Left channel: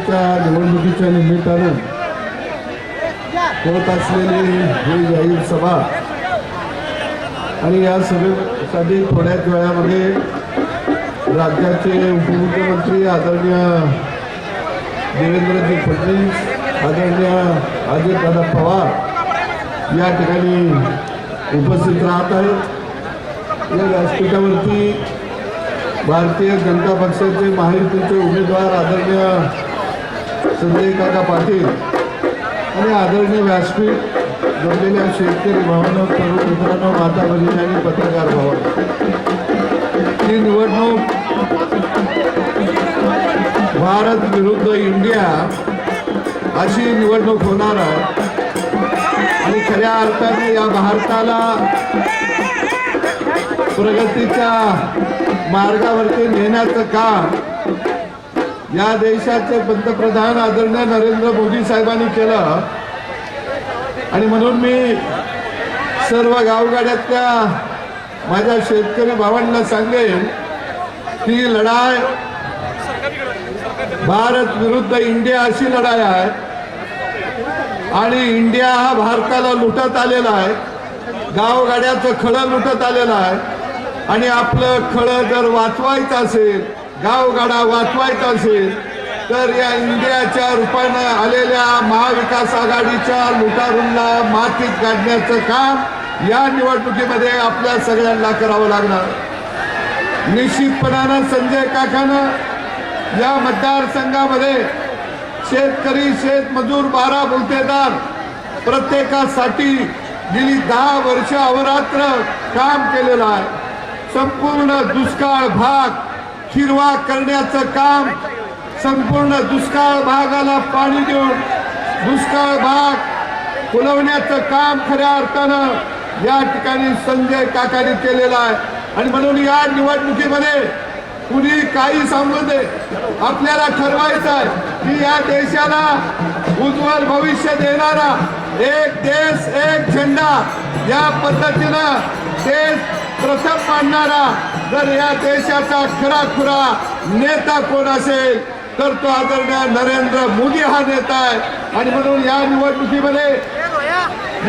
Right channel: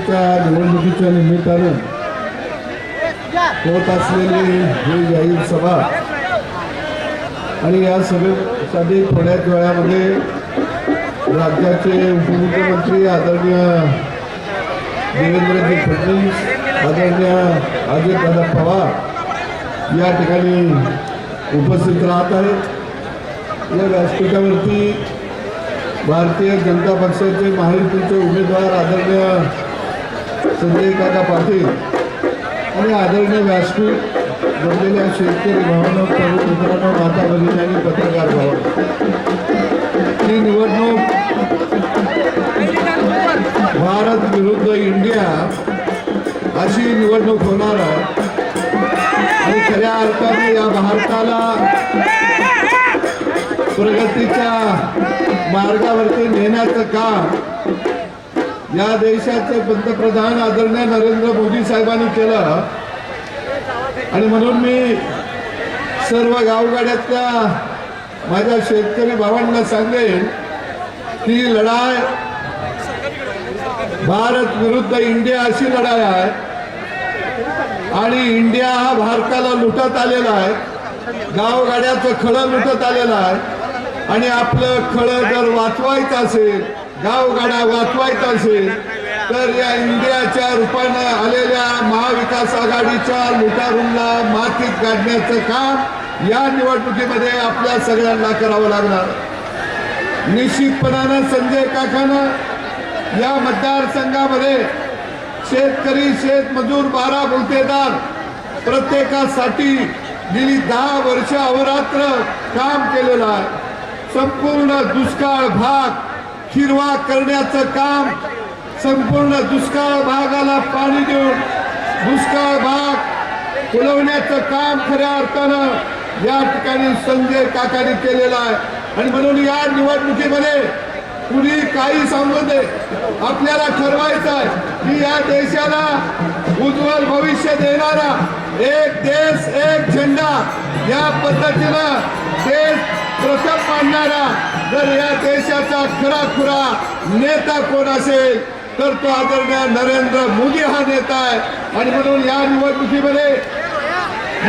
परिषदेच्या निवडणुकीच्या निमित्तानं होत असलेली ही जाहीर सभा आणि या सभेसाठी थोड्याच वेळामध्ये राज्याचे उपमुख्यमंत्री आदरणीय देवेंद्रजी फडणवीस आदरणीय अजितदादा पवार या ठिकाणी उपस्थित राहत आहेत. या व्यासपीठावरती भारतीय जनता पक्षाचे महायुतीचे उमेदवार आदरणीय संजय काका पाटील आणि आदरणीय व्यासपीठ जमलेल्या शेतकरी भावना प्रमुख मित्रांनो माता भगिनी आणि पत्रकार भावना. ही निवडणूक भारत विरुद्ध इंडिया अशी निवडणूक होणार आहे. आणि खऱ्या अर्थाने या भारताला प्रगतीच्या मार्गावरती नेण्याचं काम या देशाचे पंतप्रधान आदरणीय नरेंद्र मोदी साहेबांनी केलं. आणि म्हणून मी सर्व गावगाड्यातल्या माझ्या शेतकरी भावांना सांगेन की लढाई भारत विरुद्ध इंडिया अशी लढाई आहे. आणि इंडिया हा भारताला लुटत आलेला आहे. गावगाड्याचं खळं लुटत आलेलं आहे. आणि आपलं खळं जर वाचवायचं असेल गावगाडा वाचवायचा असेल तर या इंडियाच्या रूपानं आलेल्या महाविकास आघाडीच्या लुटारूंना मातीत काढण्याचं काम या निवडणुकीमध्ये आपल्या सगळ्यांना करावं लागणार. निश्चितपणानं संजय काकानं या मतदारसंघामध्ये शेतकरी शेतमजूर बारा गुंतेदार प्रत्येकासाठी गेली दहा वर्ष अवरात्र काम केलेलं आहे. संपूर्ण दुष्काळ भाग हिरवा करण्याचं काम संपूर्ण दुष्काळ भागाला पाणी देऊन दुष्काळ भाग फुलवण्याचं काम खऱ्या अर्थानं या ठिकाणी संजय काकाने केलेलं आहे. आणि म्हणून या निवडणुकीमध्ये कुणी काही सांगू दे आपल्याला ठरवायचं आहे की या देशाला उज्ज्वल भविष्य देणारा एक देश एक झेंडा या पद्धतीनं देश प्रथम मांडणारा जर या देशाचा खरा खुरा नेता कोण असेल तर तो आदरणीय नरेंद्र मोदी हा नेता आहे. आणि म्हणून या निवडणुकीमध्ये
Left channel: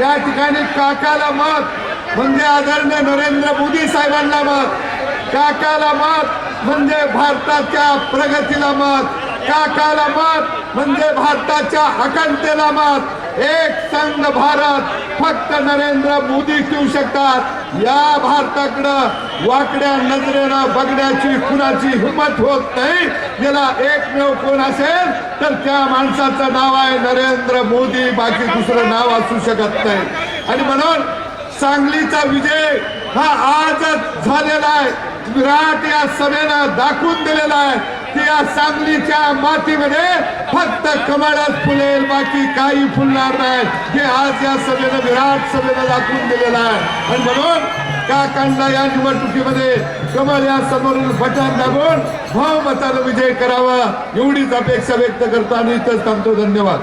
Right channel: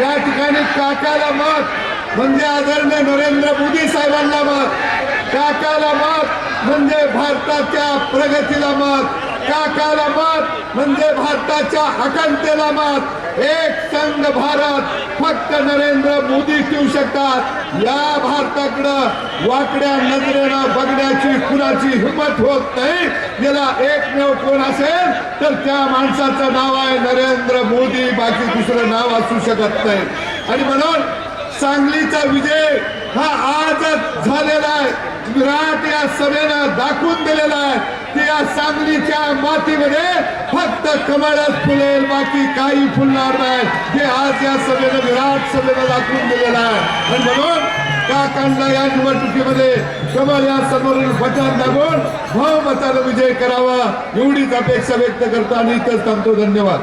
या ठिकाणी काकाला मत म्हणजे आदरणीय नरेंद्र मोदी साहेबांना मत काकाला मत म्हणजे भारताच्या प्रगतीला मत काकाला मत म्हणजे भारताच्या आकांतेला मत एक संघ भारत फक्त नरेंद्र मोदी ठेवू शकतात. या भारताकडं वाकड्या नजरेनं बघण्याची कुणाची हिंमत होत नाही. याला एकमेव कोण असेल तर त्या माणसाचं नाव आहे नरेंद्र मोदी. बाकी दुसरं नाव असू शकत नाही. आणि म्हणून सांगलीचा विजय हा आजच झालेला आहे. विराट या सभेनं दाखवून दिलेला आहे की या सांगलीच्या मातीमध्ये फक्त कमळच फुलेल बाकी काही फुलणार नाही. हे आज या सभेनं विराट सभेनं दाखवून दिलेलं आहे. आणि म्हणून काकांना या निवडणुकीमध्ये कमल या समोरील बटन दाबून भावमताला विजय करावा एवढीच अपेक्षा व्यक्त करतो आणि इथंच थांबतो. धन्यवाद.